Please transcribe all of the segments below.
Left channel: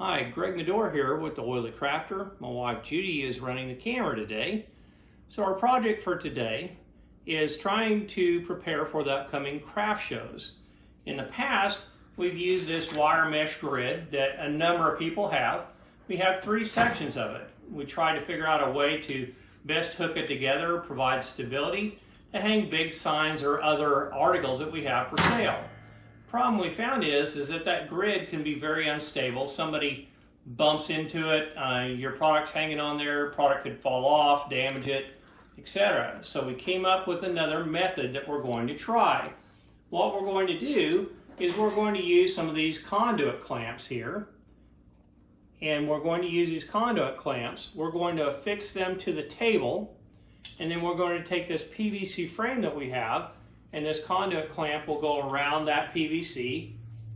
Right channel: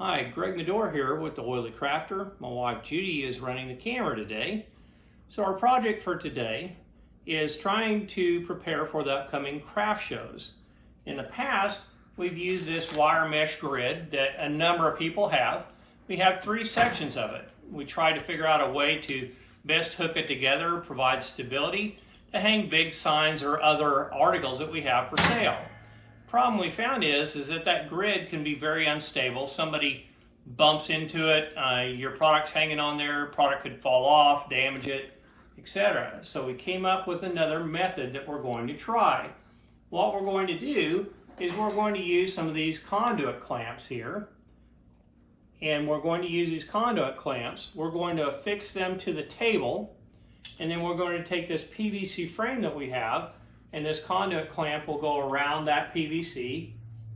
Hi, Greg Medore here with the Oily Crafter. My wife Judy is running the camera today. So our project for today is trying to prepare for the upcoming craft shows. In the past, we've used this wire mesh grid that a number of people have. We have 3 sections of it. We tried to figure out a way to best hook it together, provide stability, to hang big signs or other articles that we have for sale. Problem we found is that grid can be very unstable. Somebody bumps into it, your product's hanging on there, product could fall off, damage it, etc. So we came up with another method that we're going to try. What we're going to do is we're going to use some of these conduit clamps here. And we're going to use these conduit clamps. We're going to affix them to the table. And then we're going to take this PVC frame that we have, and this conduit clamp will go around that PVC.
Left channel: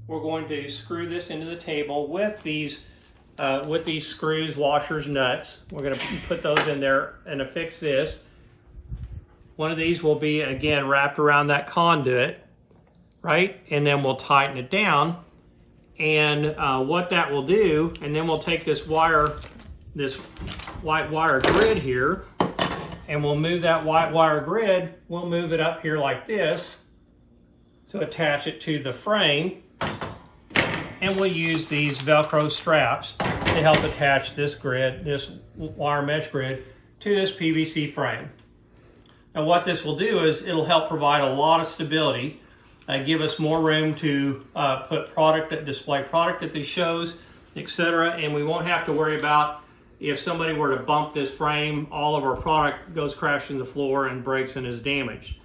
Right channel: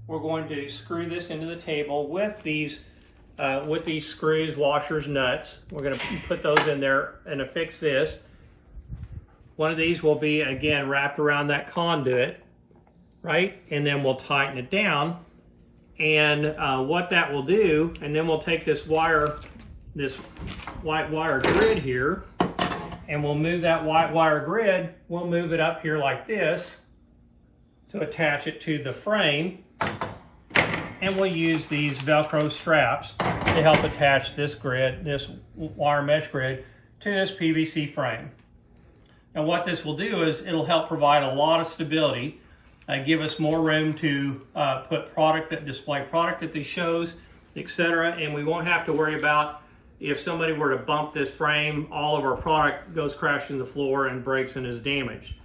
We're going to screw this into the table with these screws, washers, nuts. We're going to put those in there and affix this. One of these will be, again, wrapped around that conduit, right? And then we'll tighten it down. And what that will do, and then we'll take this white wire grid here, and we'll move that white wire grid, we'll move it up here like this to attach it to the frame. And we'll use these Velcro straps to help attach this grid, this wire mesh grid, to this PVC frame. Now what this will do is it'll help provide a lot of stability, give us more room to display product at these shows, etc. And we won't have to worry about if somebody were to bump this frame, all of our product goes crashing to the floor and breaks and is damaged.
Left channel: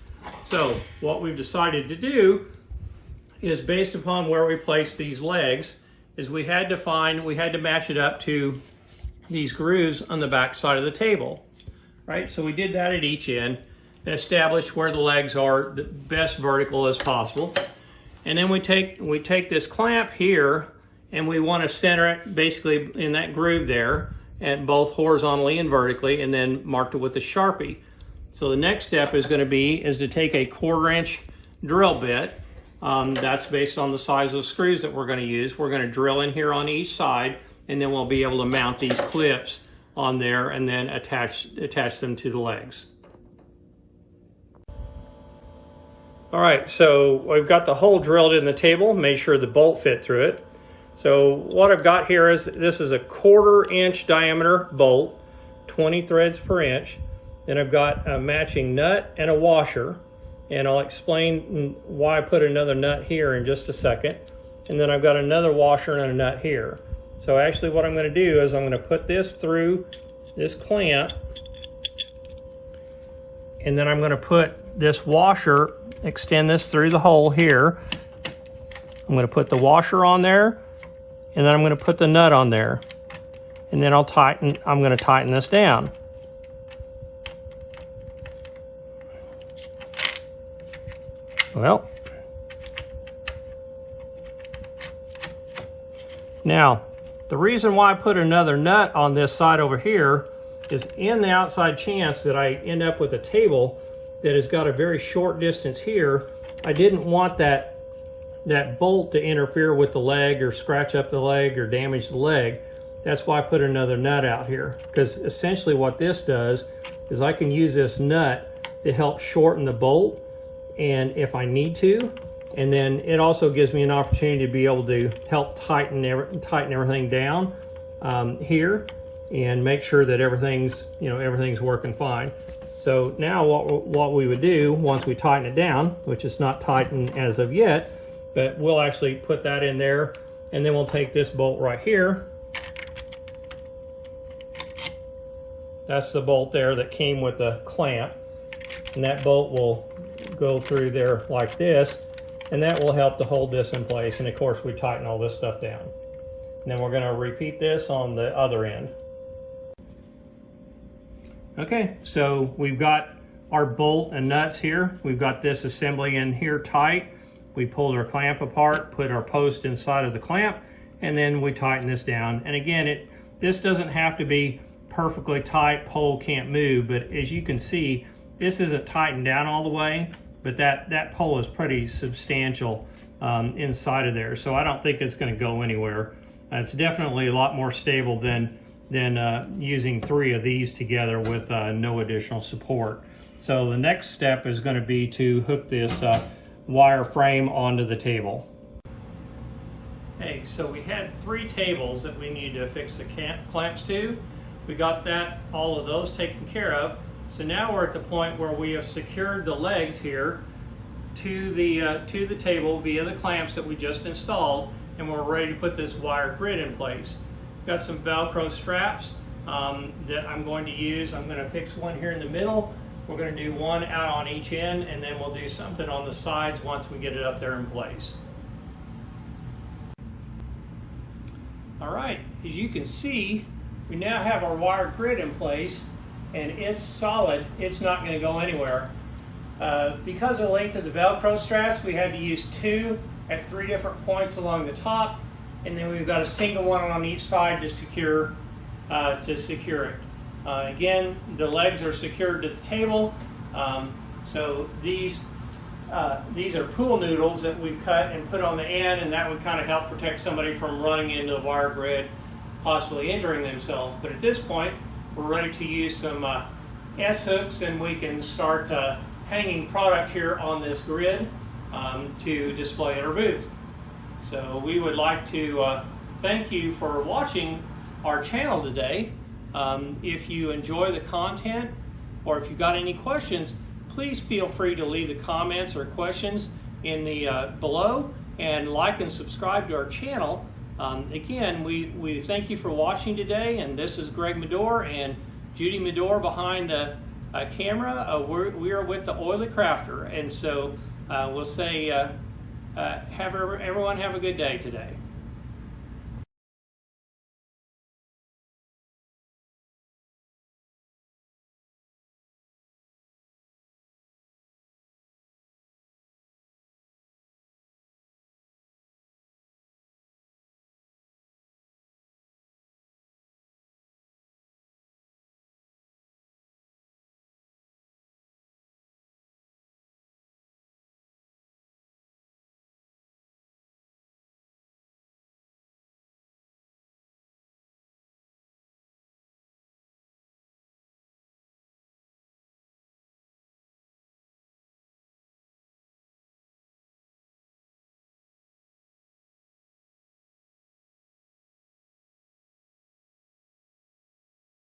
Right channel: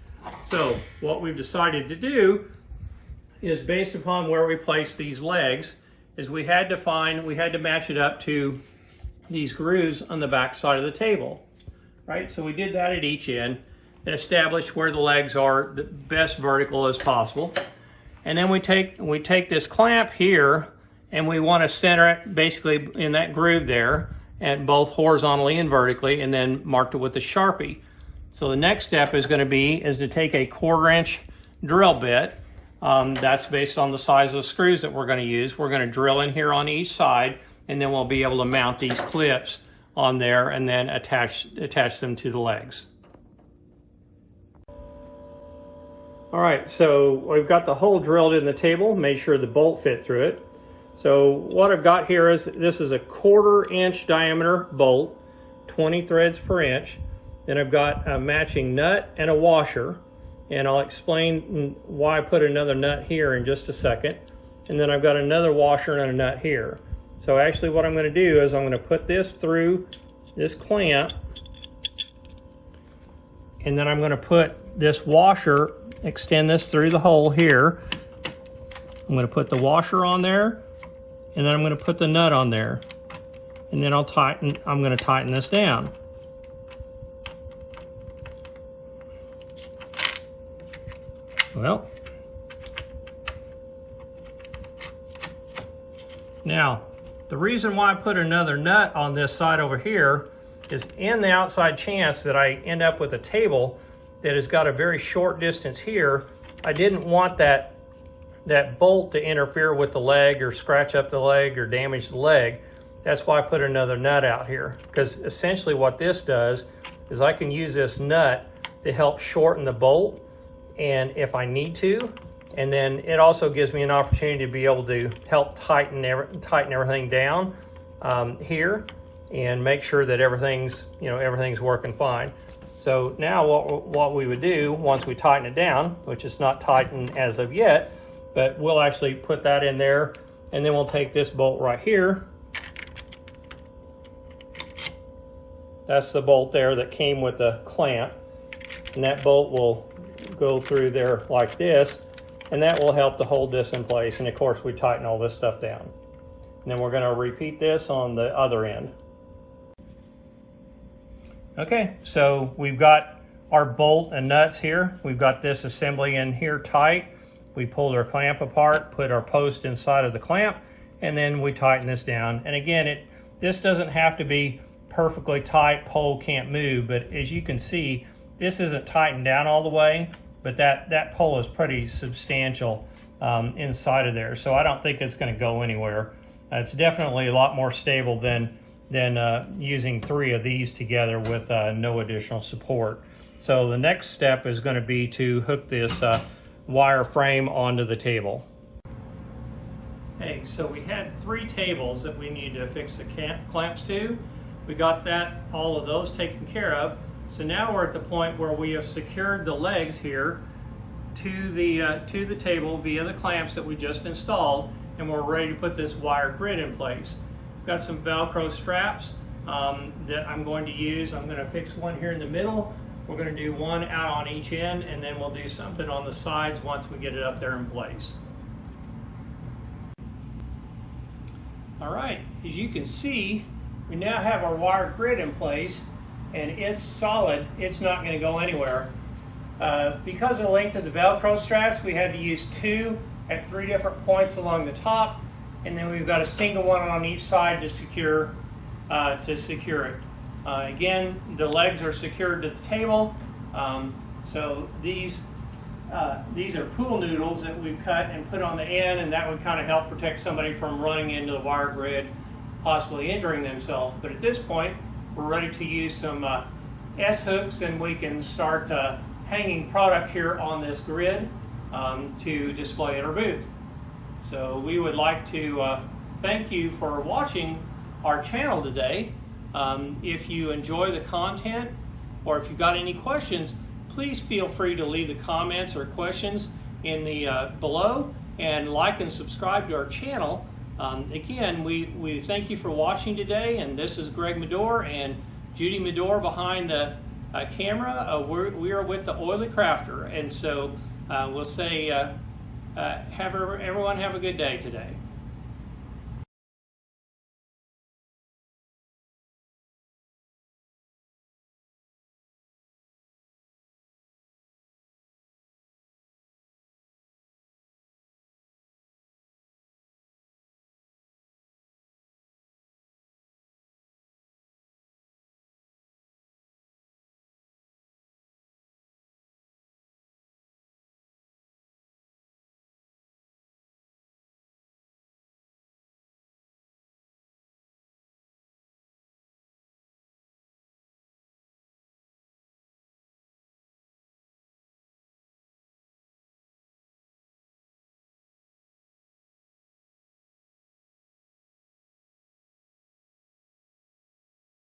So what we've decided to do is, based upon where we place these legs, is we had to match it up to these grooves on the back side of the table, right? So we did that at each end and established where the legs are the best vertical as possible. And then we take this clamp here and we want to center it basically in that groove there, and both horizontally and vertically, and then marked it with a Sharpie. So the next step is going to be to take a 1/4 inch drill bit. That's based on the size of the screws that we're going to use. We're going to drill in here on each side, and then we'll be able to mount these clips on there and then attach them to the legs. All right, so we've got the hole drilled in the table, made sure the bolt fit through it. So what I've got here is, this is a 1/4 inch diameter bolt, 20 threads per inch. Then I've got a matching nut and a washer, and I'll explain why I put another nut here in just a second. And then I've got another washer and a nut here. So actually what I'm going to do is I'm going to put this through this clamp, and then I'm going to put this washer, extend this through the hole here. I'm going to put the washer on there, and then I'm going to put the nut on there, and then I'm going to tighten this down. Well, now the reason why I put another nut on this side over here is, in the outside chance that I end up with a table that has got a very short distance here, I didn't want that bolt to interfere with the leg or scratch up the leg or damage the leg. That's why I put another nut out here, because essentially what this does is I can use this nut to help shorten the bolt, and if I need to, and then it also gives me an opportunity to be able to help tighten everything down here and make sure that everything's working fine. So now what we would do once we tighten it down, which is not tightened as of yet, but we'll actually put that in there, and then we'll take this bolt right here. That's the bolt there that came with the clamp, and that bolt will go through there like this, and that will help to hold this in place. And of course we tighten all this stuff down. And then we're going to repeat this on the other end. Okay, so we've got our bolt and nuts here. We've got this assembly in here tight. We pulled our clamp apart, put our post inside of the clamp, and then we tighten this down. And again, this doesn't have to be perfectly tight, pole can't move, but as you can see, this isn't tightened down all the way, but that pole is pretty substantial inside of there. So I don't think it's going to go anywhere. It's definitely a lot more stable than using 3 of these together with no additional support. So the next step is going to be to hook this wire frame onto the table. Hey, so we had 3 tables that we need to fix the clamps to. We got all of those taken care of. So now we're at the point where we have secured the legs here to the table via the clamps that we just installed, and we're ready to put this wire grid in place. We've got some Velcro straps that I'm going to use. I'm going to fix one here in the middle. We're going to do one out on each end, and then we'll do something on the sides once we get it up there in place. All right, as you can see, we now have our wire grid in place, and it's solid. It's not going to go anywhere. Because of the length of the Velcro straps, we had to use 2 at 3 different points along the top, and then we've got a single one on each side to secure it. Again, the legs are secured to the table. So these are pool noodles that we've cut and put on the end, and that would kind of help protect somebody from running into the wire grid, possibly injuring themselves. But at this point, we're ready to use some S-hooks, and we can start hanging product here on this grid to display at our booth. So we would like to thank you for watching our channel today. If you enjoy the content, or if you've got any questions, please feel free to leave the comments or questions in the below, and like and subscribe to our channel. Again, we thank you for watching today, and this is Greg Medore and Judy Medore behind the camera. We are with the Oily Crafter, and so we'll say everyone have a good day today.